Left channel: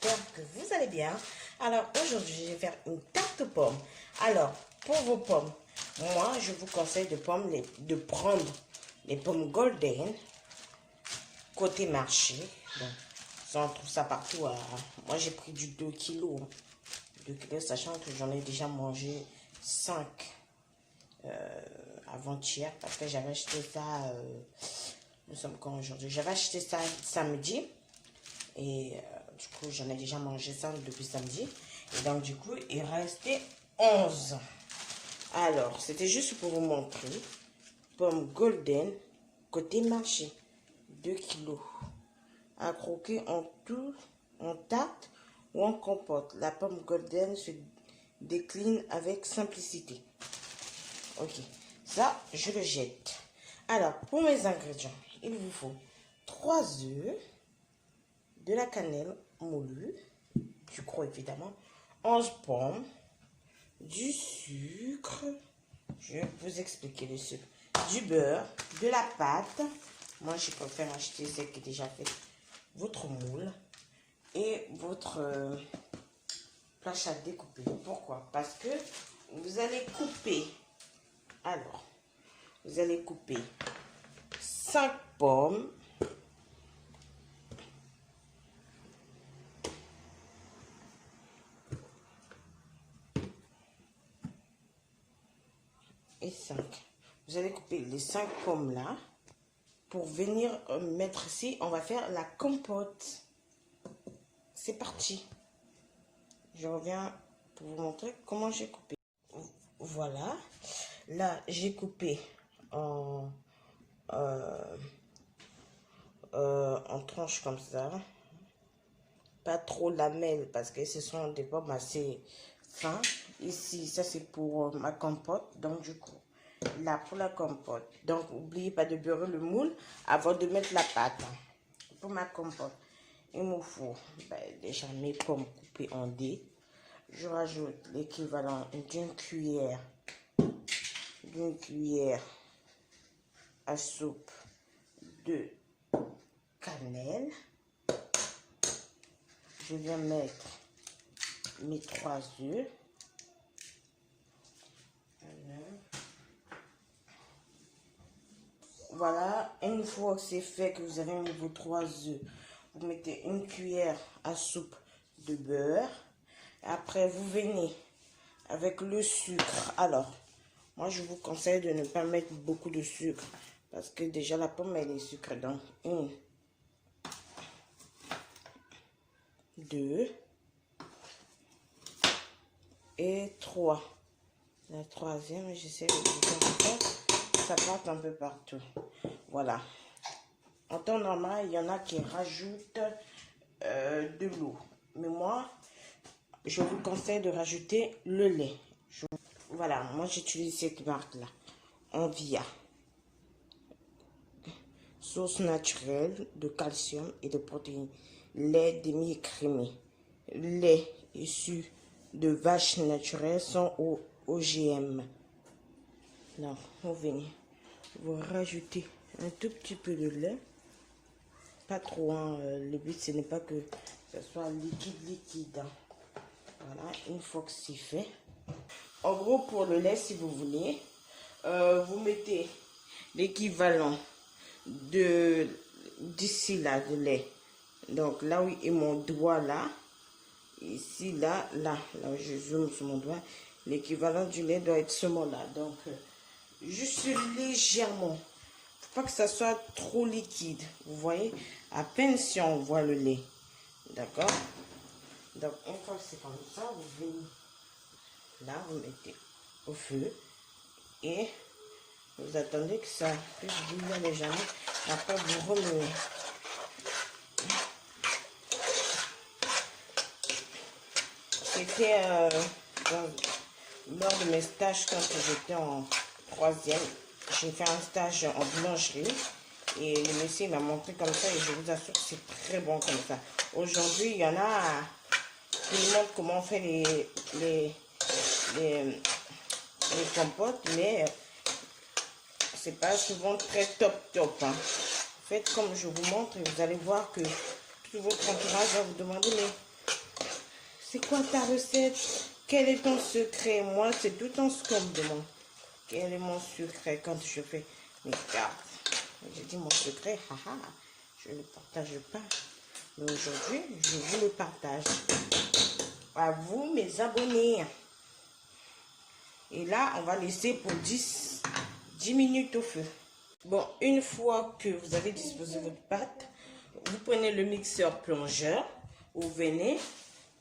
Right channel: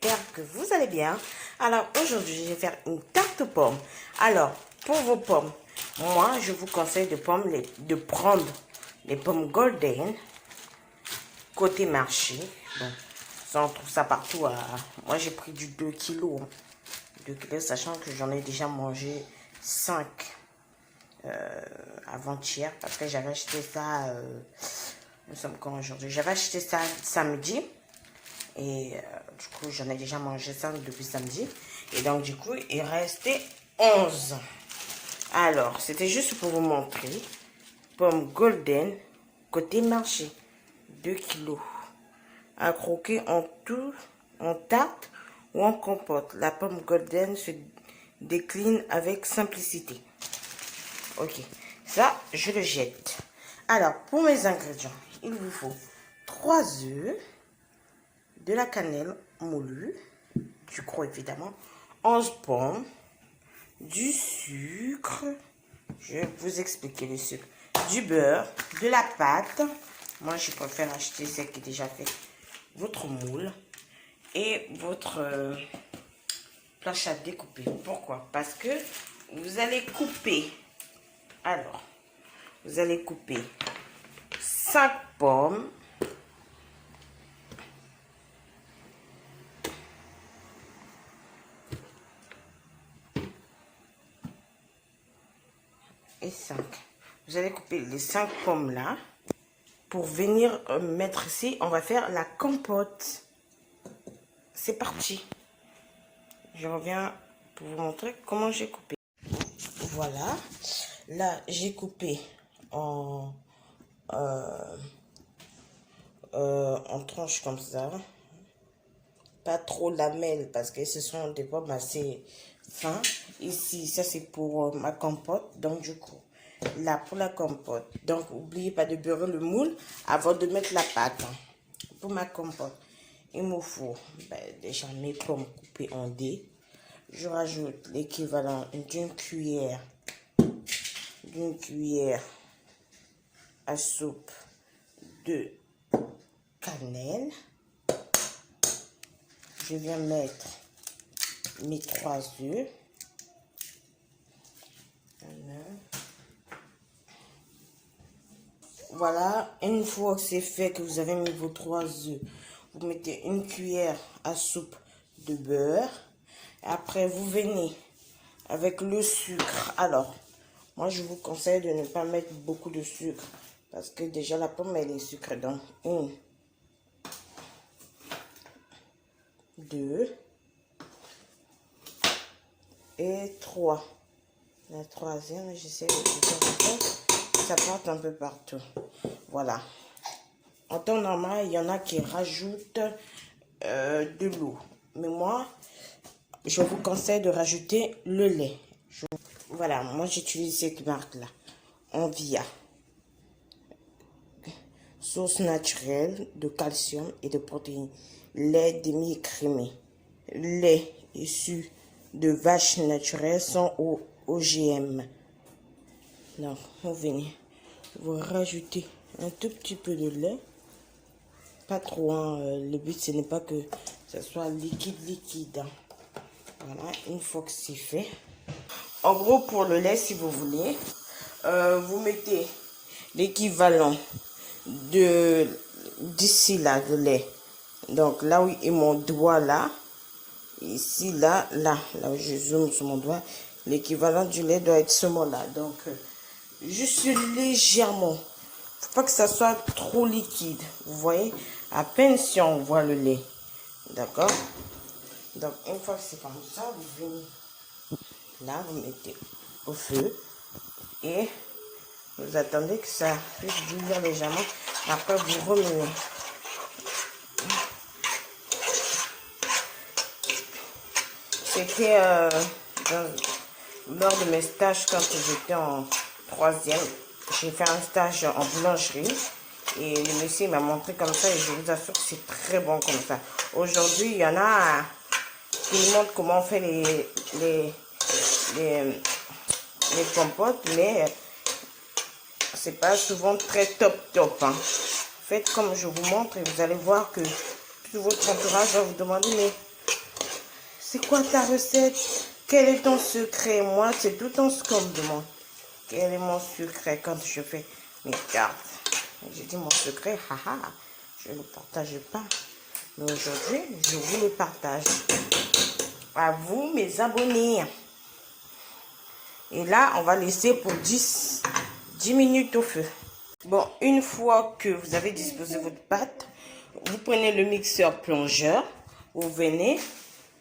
j'espère que vous allez bien. Alors aujourd'hui, je vais faire une tarte aux pommes. Alors, pour vos pommes, moi, je vous conseille de prendre les pommes golden, côté marché. Bon, ça, on trouve ça partout. Moi, j'ai pris du 2 kilos. 2 kilos, sachant que j'en ai déjà mangé 5 avant-hier. Parce que j'avais acheté ça, nous sommes quand aujourd'hui? J'avais acheté ça samedi. Et du coup, j'en ai déjà mangé ça depuis samedi. Et donc, du coup, il restait 11. Alors, c'était juste pour vous montrer. Pomme golden, côté marché. 2 kilos. À croquer en tout, en tarte ou en compote. La pomme golden se décline avec simplicité. Ok. Ça, je le jette. Alors, pour mes ingrédients, il vous faut 3 œufs, de la cannelle moulue, du gros évidemment, 11 pommes, du sucre, je vais vous expliquer le sucre, du beurre, de la pâte, moi je préfère acheter celle qui est déjà faite, votre moule et votre planche à découper. Pourquoi? Parce que vous allez couper, alors, vous allez couper 5 pommes, et 5. Vous allez couper les 5 pommes là. Pour venir mettre ici, on va faire la compote. C'est parti. Je reviens pour vous montrer comment j'ai coupé. Voilà. Là, j'ai coupé en tranches comme ça. Pas trop lamelles parce que ce sont des pommes assez fins. Ici, ça c'est pour ma compote. Donc, du coup, là pour la compote. Donc, n'oubliez pas de beurrer le moule avant de mettre la pâte. Pour ma compote, il me faut déjà mes pommes coupées en dés. Je rajoute l'équivalent d'une cuillère à soupe de cannelle. Je viens mettre mes 3 œufs. Voilà, une fois que c'est fait, que vous avez mis vos 3 œufs, vous mettez une cuillère à soupe de beurre. Après, vous venez avec le sucre. Alors, moi, je vous conseille de ne pas mettre beaucoup de sucre parce que déjà, la pomme, elle est sucrée. Donc, 1, 2 et 3. La troisième, j'essaie de faire ça parte un peu partout. Voilà. En temps normal, il y en a qui rajoutent de l'eau. Mais moi, je vous conseille de rajouter le lait. Voilà, moi j'utilise cette marque-là. Envia. Source naturelle de calcium et de protéines. Lait demi-écrémé. Lait issu de vaches naturelles sans OGM. Donc, vous venez, vous rajoutez un tout petit peu de lait. Pas trop, hein. Le but, ce n'est pas que ce soit liquide. Hein. Voilà, une fois que c'est fait. En gros, pour le lait, si vous voulez, vous mettez l'équivalent d'ici là, de lait. Donc, là où est mon doigt là, ici, là où je zoome sur mon doigt, l'équivalent du lait doit être ce mot-là. Donc, juste légèrement. Faut pas que ça soit trop liquide. Vous voyez, à peine si on voit le lait. D'accord? Donc, une fois que c'est comme ça, vous venez là, vous mettez au feu et vous attendez que ça puisse bouillir légèrement. Après, vous remenez. C'était lors de mes stages quand j'étais en 3e. J'ai fait un stage en boulangerie et le monsieur m'a montré comme ça et je vous assure que c'est très bon comme ça. Aujourd'hui, il y en a qui me montrent comment on fait les compotes, mais c'est pas souvent très top. Hein. Faites comme je vous montre et vous allez voir que tout votre entourage va vous demander mais c'est quoi ta recette? Quel est ton secret? Moi, c'est tout le temps ce qu'on me demande. Quel est mon secret quand je fais mes tartes? J'ai dit mon secret, haha, je ne le partage pas. Mais aujourd'hui, je vous le partage. À vous, mes abonnés. Et là, on va laisser pour 10 minutes au feu. Bon, une fois que vous avez disposé votre pâte, vous prenez le mixeur plongeur. Vous venez,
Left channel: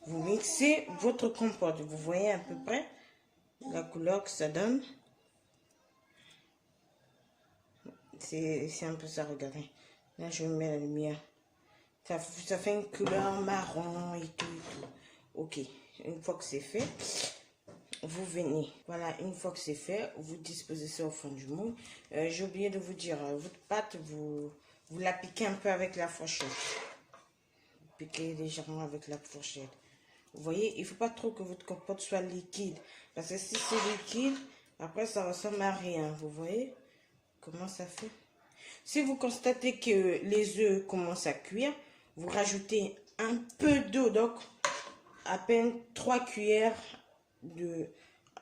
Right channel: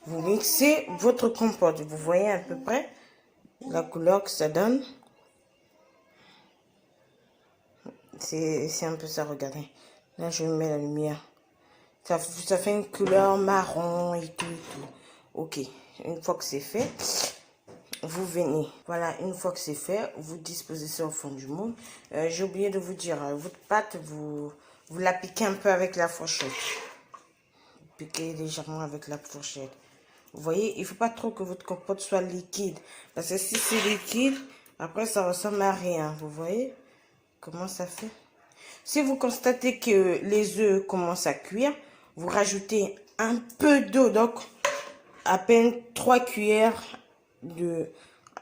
vous mixez votre compote. Vous voyez à peu près la couleur que ça donne. C'est un peu ça, regardez. Là, je mets la lumière. Ça fait une couleur marron et tout. Ok, une fois que c'est fait, vous venez. Voilà, une fois que c'est fait, vous disposez ça au fond du moule. J'ai oublié de vous dire, votre pâte, vous la piquez un peu avec la fourchette. Piquez légèrement avec la fourchette. Vous voyez, il ne faut pas trop que votre compote soit liquide. Parce que si c'est liquide, après ça ressemble à rien. Vous voyez comment ça fait? Si vous constatez que les œufs commencent à cuire, vous rajoutez un peu d'eau, donc à peine 3 cuillères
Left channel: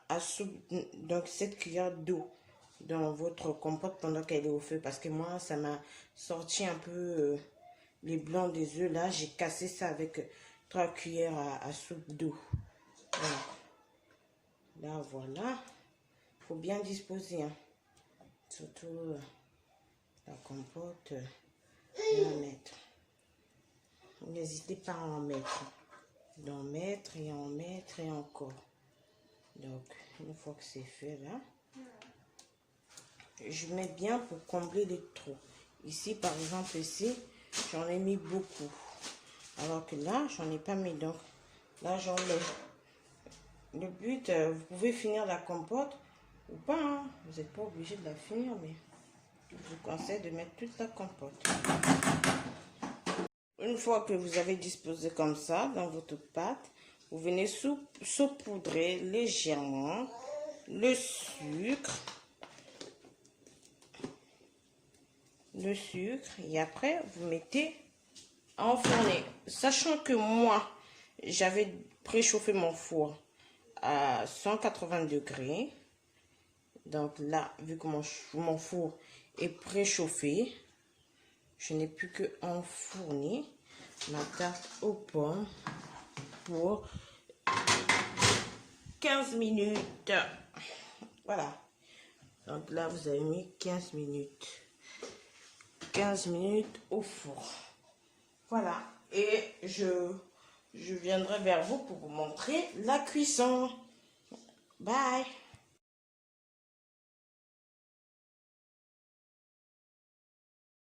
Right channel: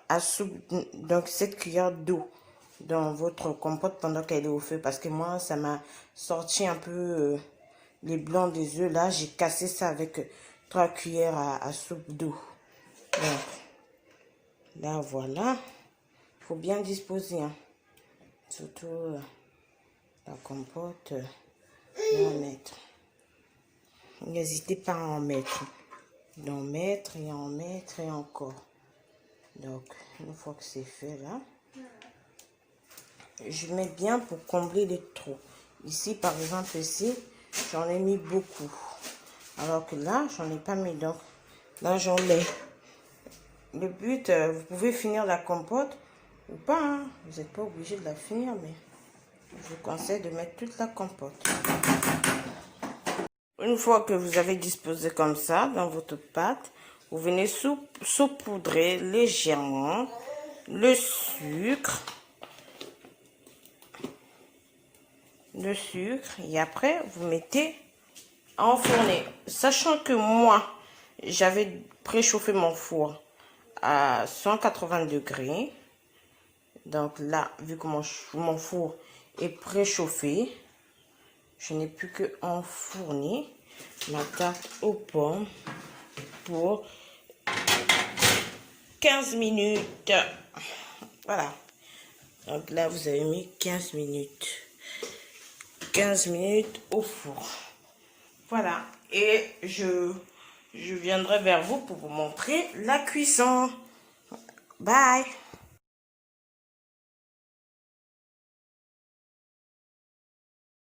à soupe, donc 7 cuillères d'eau dans votre compote pendant qu'elle est au feu. Parce que moi, ça m'a sorti un peu les blancs des œufs. Là, j'ai cassé ça avec 3 cuillères à soupe d'eau. Donc, là, voilà. Il faut bien disposer, hein. Surtout la compote, en mettre. N'hésitez pas à en mettre. D'en mettre et en mettre et encore. Donc, une fois que c'est fait là, je mets bien pour combler les trous. Ici, par exemple, ici, j'en ai mis beaucoup. Alors que là, j'en ai pas mis. Donc, là, j'en mets. Le but, vous pouvez finir la compote ou pas. Hein. Vous n'êtes pas obligé de la finir, mais je vous conseille de mettre toute la compote. Une fois que vous avez disposé comme ça dans votre pâte, vous venez saupoudrer légèrement le sucre. Et après vous mettez à enfourner. Sachant que moi, j'avais préchauffé mon four à 180 degrés. Donc là, vu que mon four est préchauffé, je n'ai plus que enfourner ma tarte aux pommes pour 15 minutes. Voilà. Donc là, vous avez mis 15 minutes. 15 minutes au four. Voilà. Et je viendrai vers vous pour vous montrer la cuisson. Bye.